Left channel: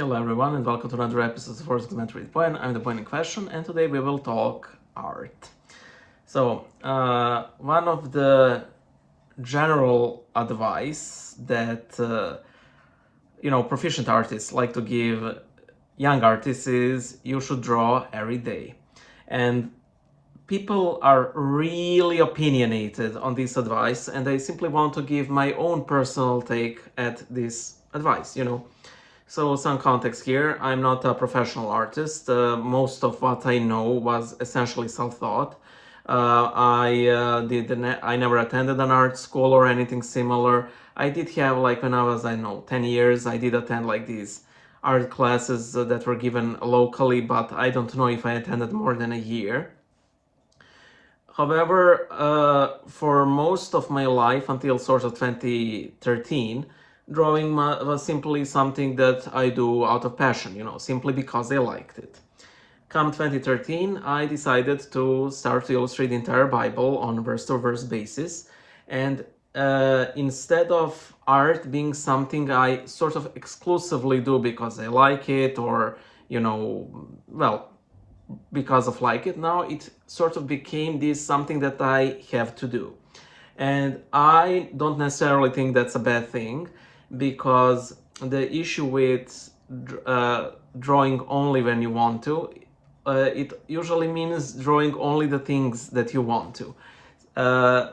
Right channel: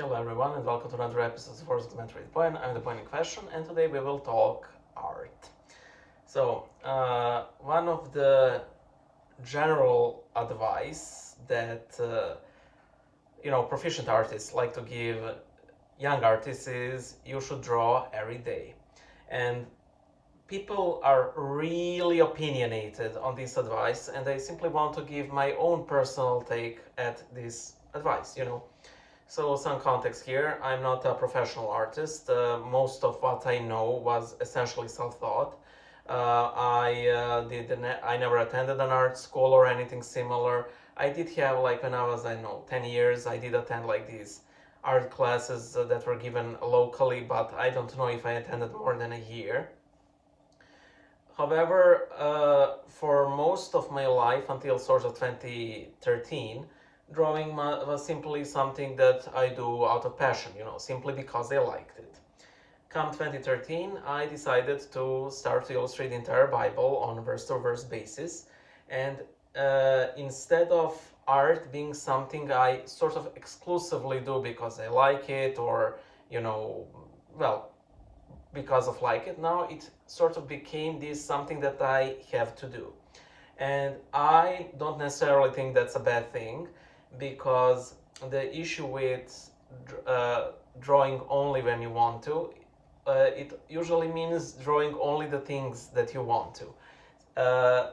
Hello everyone and welcome to another episode of Force Elementary Point. I'm the point in question and today we will talk art. One of the general advice that proficient artists like to give young artists is you should draw every day. And people are really opinionated on this advice and I simply want to give my own personal take at this advice. So some context here, I'm not a professional artist. Most of what I know was essentially self-taught. I never attended an art school or anything similar. I did have when I was, 10 years, I did attend these art classes that were given locally, but I don't know if I attended more than a year. However, for most of my life until sort of 2013, drawing was simply something that I do out of passion, simply because I liked it. Come 2013, I decided to start to illustrate the entire Bible on verse-to-verse basis, and instead of art being something I sort of exclusively do because I like it, or because of like it, now it sort of became this something that I have to do. And I don't necessarily think that's a bad thing, because the issue with drawing only when you want to, it usually means drawing only the things that you want to.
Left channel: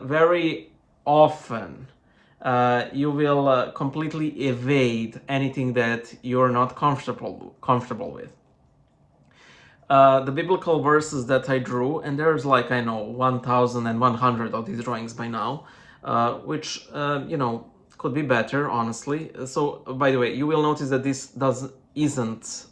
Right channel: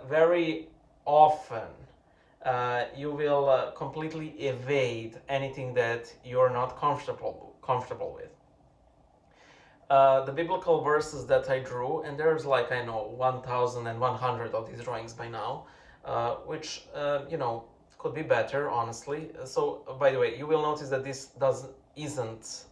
Very often, you will completely evade anything that you're not comfortable with. The biblical verses that I drew, and there's 1,100 of these drawings by now, which could be better, honestly. So, by the way, you will notice that this isn't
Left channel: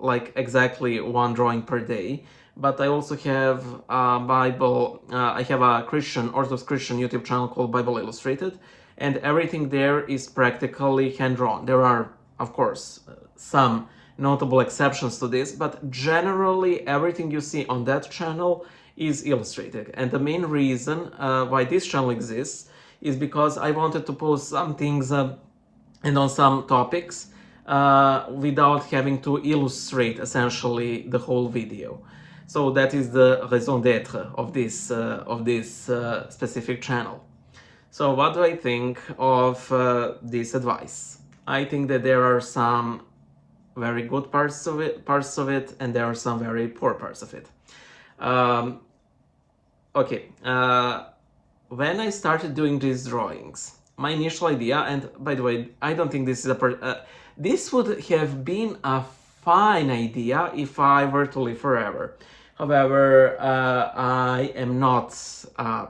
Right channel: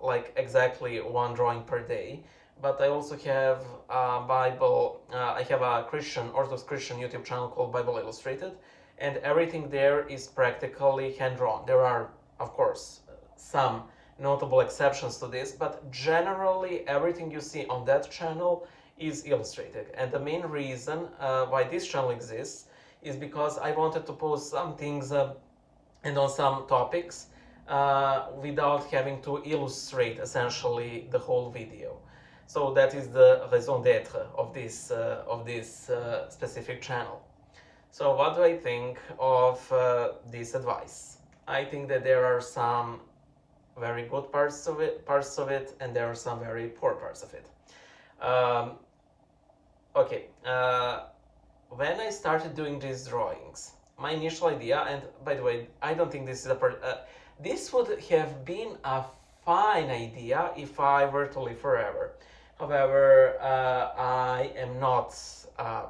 like exactly one drawing per day, but I also have a Bible. I have a Orthodox Christian YouTube channel called Bible Illustrated, and everything there is practically hand drawn. There are, of course, some notable exceptions to this, but generally everything you see on that channel is illustrated. And the main reason why this channel exists is because I wanted to post some things and on some topics without having to illustrate essentially the whole video. So that is the raison d'être of this specific channel. So what do I think of this advice? I think that there are some very good parts of it, and there are some very poor parts of it. Okay, when I started doing these drawings, my initial idea, and by the way, I don't think this is this would have been a fine idea if I were to live forever. However, I am not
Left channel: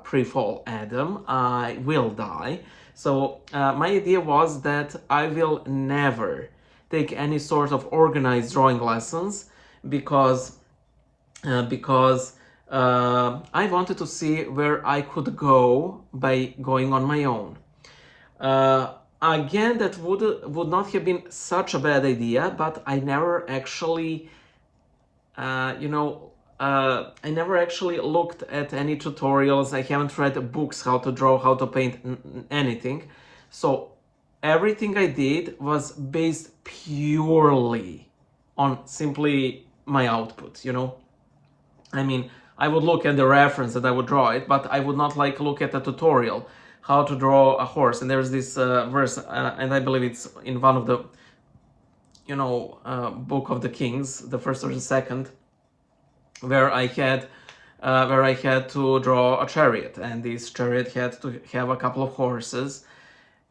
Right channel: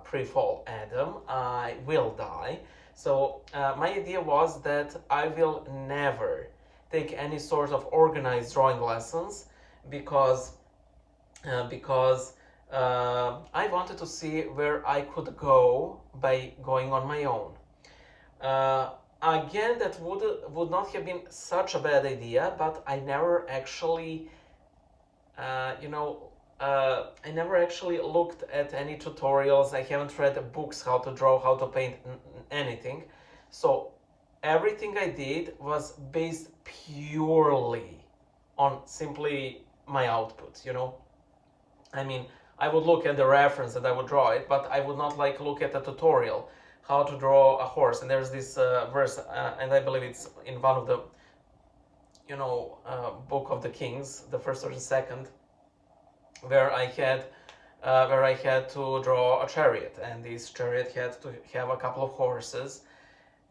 pre-fall Adam. I will die. So my idea was that I will never take any sort of organized drawing lessons because I wanted to see where I could go by going on my own. Again, that would not have been such a bad idea, but I never actually, I never actually looked at any tutorials. I haven't read books how to draw, how to paint, anything. So everything I did was based purely on simply my output, I mean, I would look at the reference and I would draw it, but I would not look at a tutorial how to draw a horse. And there's this verse, and I believe it's in one of the, Book of the Kings, the first or the second, where I had to draw a chariot, and this chariot had to have a couple of horses.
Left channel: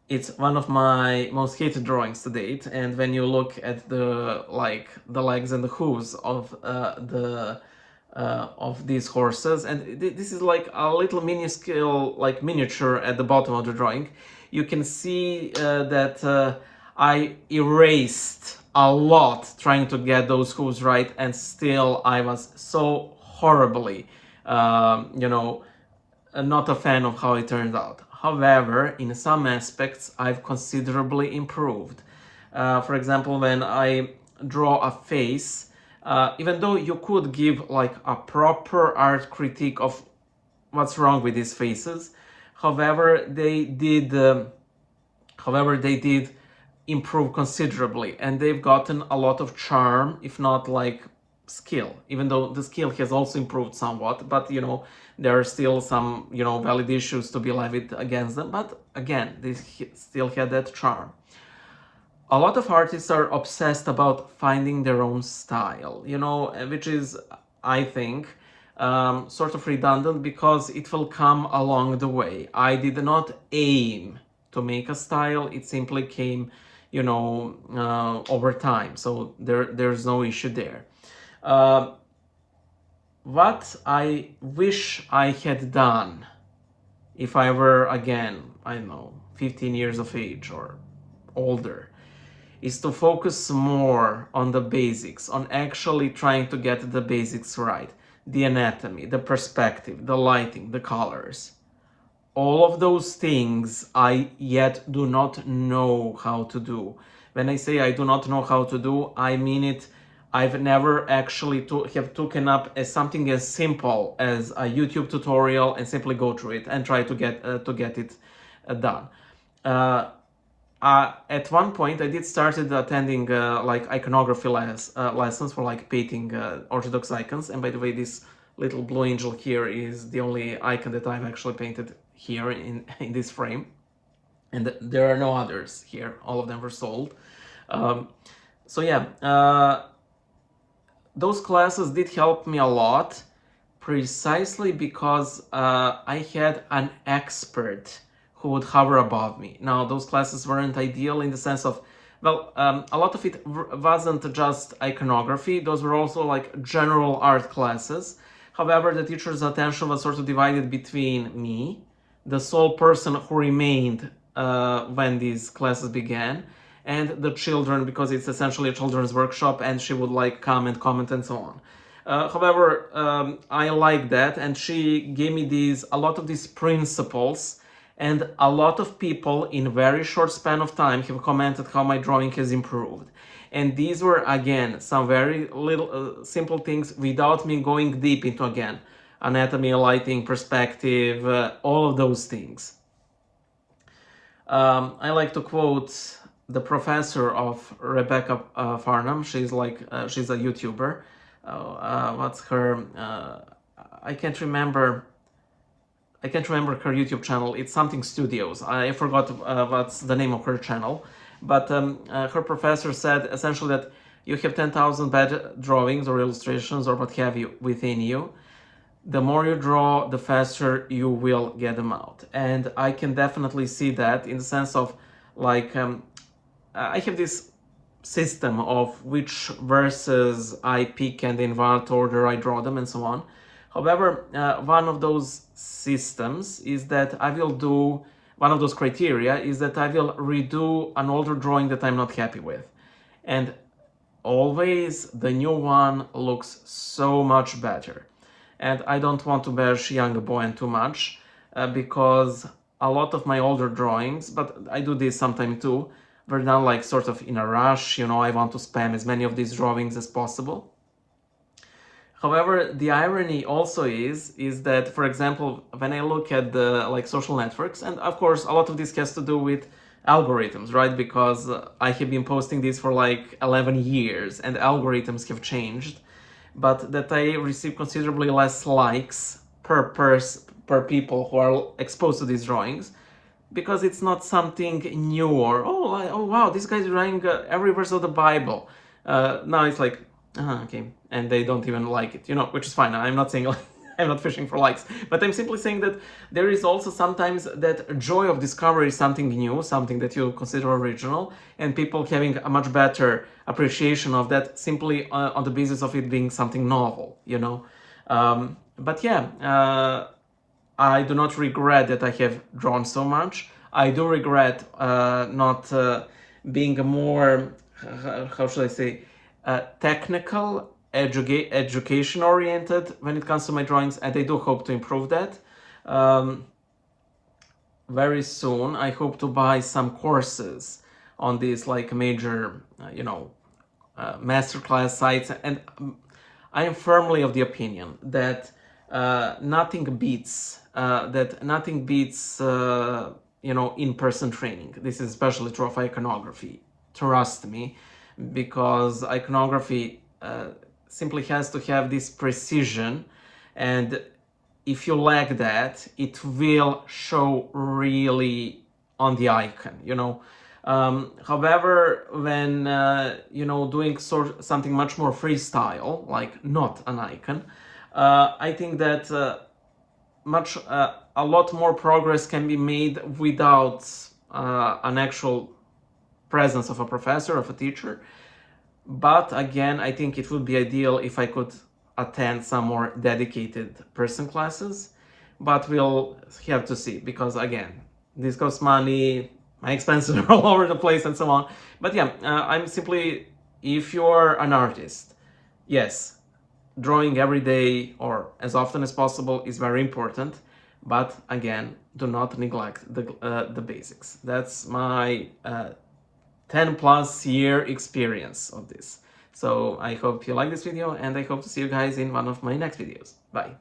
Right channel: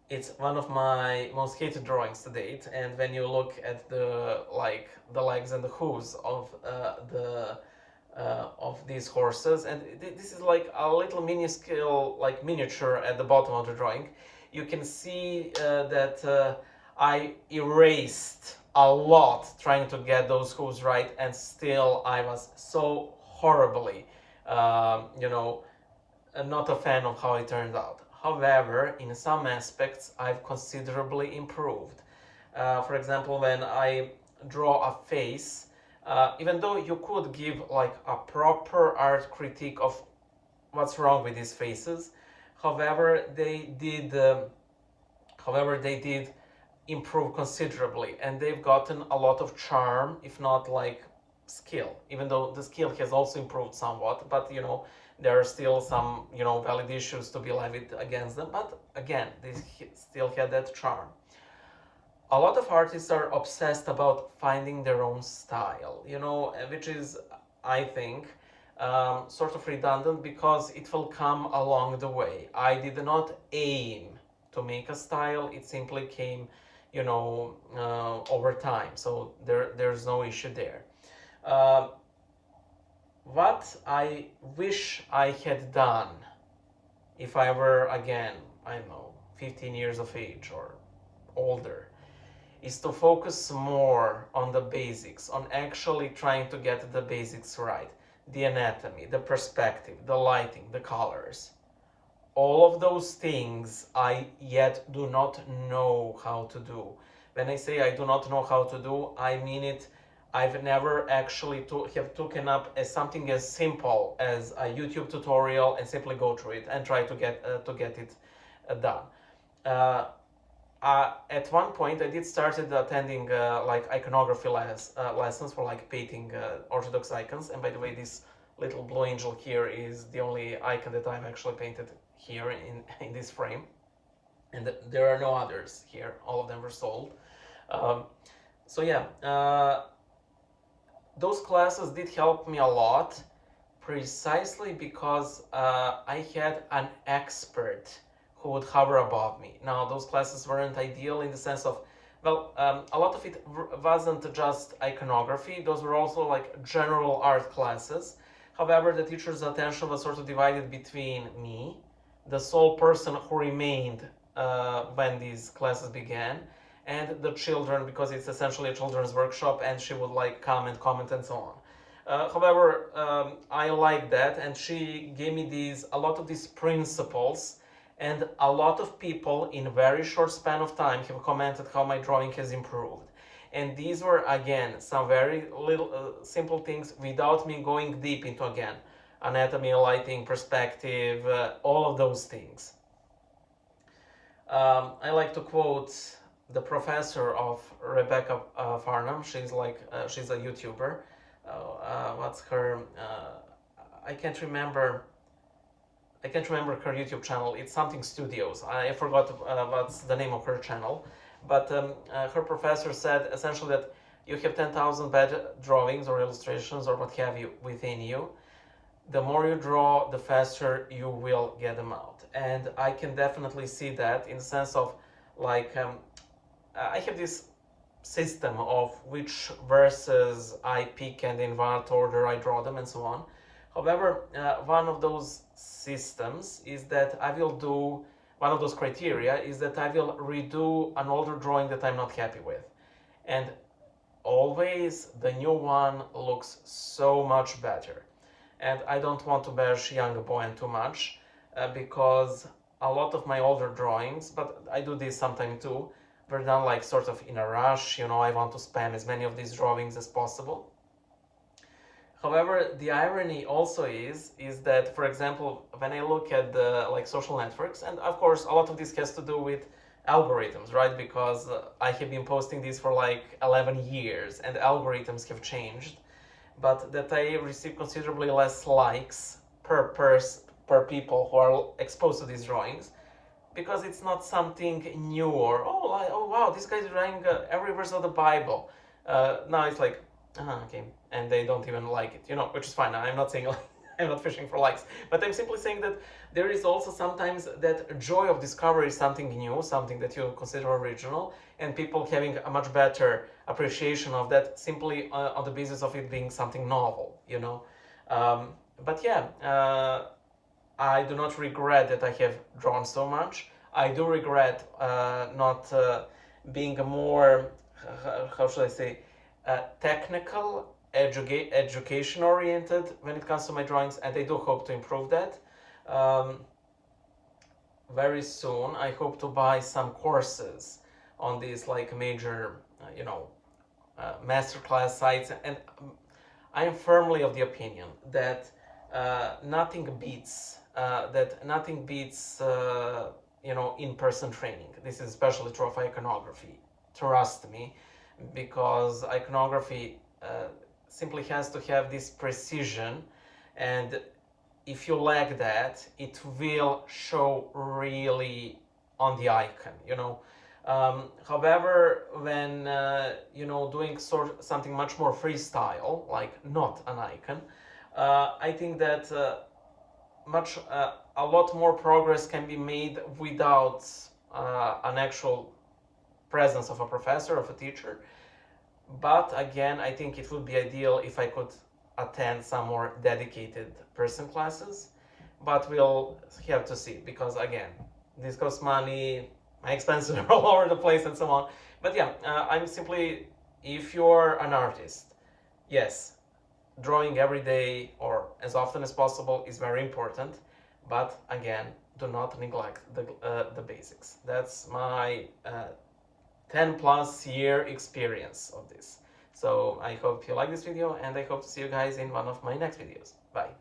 It's one of my most hated drawings to date, and when you look at the legs and the hooves of these horses, and this is like a little minuscule miniature at the bottom of the drawing, you can see that I erased a lot trying to get those hooves right, and still I was so horribly not a fan of how it turned out. However, in some aspects, I've considerably improved. For example, when I draw a face, even though you could give a proper art critique of what's wrong with these faces, however, they did improved considerably, and they've gotten a lot of charm, if not like skill, even though the skill has also improved somewhat, but there are still some valid issues to be levied against them, but again, they still had that charm. A lot of artists are obsessed about finding their own style, which is, I think, sort of redundant, because it will come along the way. I did not aim to make a style, it simply came over time, so there's no issue there. What I wish I had done if I were, again, I don't know, 15 years of age or older, is to focus more on the basics, on actually trying to get the basics right. The anatomy, the perspective, the lighting, the colors. All of those things I yet do not know how to do. When I say I do not know how to do, I mean it. I've never actually have taken up as something as simple as a YouTube tutorial and simply go through it and try to get it done. At one point, I did started attending like iconography lessons for like painting Orthodox icons. And by the way, this little blue angel here is the only icon that I've actually painted here in this frame. And there are no others here. All of them were sold. So yeah, those classes did help me a lot, precisely because I had an expert who would hover above me. Now, those classes weren't ideal in the sense of, well, a lot of it wasn't just iconography. Those were also like general art classes. However, the teacher's attention was sort of divided between me, the sole person who remained when these classes began, and the children, because it's essentially a children's workshop, and she would like come and comment and so on. However, I like that, and she gave me a lot of these principles, and a lot of people in very short span of time have commented how my drawing has improved. And these were, again, some very little simple things without me going deep into, again, anatomy, lighting, perspective, all of those things. I like to quote the professor of Rebecca Farnham. She's she's a YouTuber. What's her? I can't remember her YouTube channel. It's something Studios. I forgot what's the name of her channel. But her professor said essentially that you have 10,000 bad drawings or illustrations or what have you within you. The more you draw, the faster you will get them out. And I can definitely see that in the sense of like, I have this system of which verses I pick and in what order I draw them and so on. However, one of those systems is that I will do, one of those criteria is that I will redo an older drawing that I'm not happy with. And always the new one looks so much better. And I don't want to bash young Boyan too much because a lot of my older drawings, but I do this sometimes too, were done like sort of in a rush, I want to spam as many of these drawings as possible. However, the irony also is that, for example, when I look at the like social networks, and of course a lot of this has to do with algorithms, right? Because I have been posting this for like 11 years and algorithms have changed, but that I receive considerably less likes per people who are exposed to these drawings, because it's not something new or, oh wow, this guy's drawing every verse of the Bible. Now it's like, okay, and they don't even like it, which is fine. I'm not saying like, I'm not fishing for likes, but I'm simply saying that there is also sometimes that joy of discovery, something new, something that you consider original, and people having a much better appreciation of that simply on the basis of it being something novel, But yeah, I do not regret that I have drawn so much. I do regret not being a more, how should I say, technical, education oriented when it comes to my drawings, and I do hope to improve that. Very soon I hope to buy some courses on these like major masterclass sites, and I am firmly of the opinion that nothing beats in-person training. This is especially true of iconography. trust me, because iconography simply has to have this precision, and if you lack that, it will show really on the icon, you know. However, when doing something much more freestyle, like not an icon, I think that a lot more progress can be made without an actual presence of a professor, of a teacher. But again, I think it would be ideal if I could attend some more dedicated person classes, but we'll have to see, because again, this costs money, my expenses are all over the place and so on. But yeah, I'm simply, if you're an artist, yes, drawing every day or as often as possible is very important, but again, do not neglect the basics. That's my 10 plus year experience of this. So I hope you like this video, and I hope to see you guys in one of my next videos. Bye.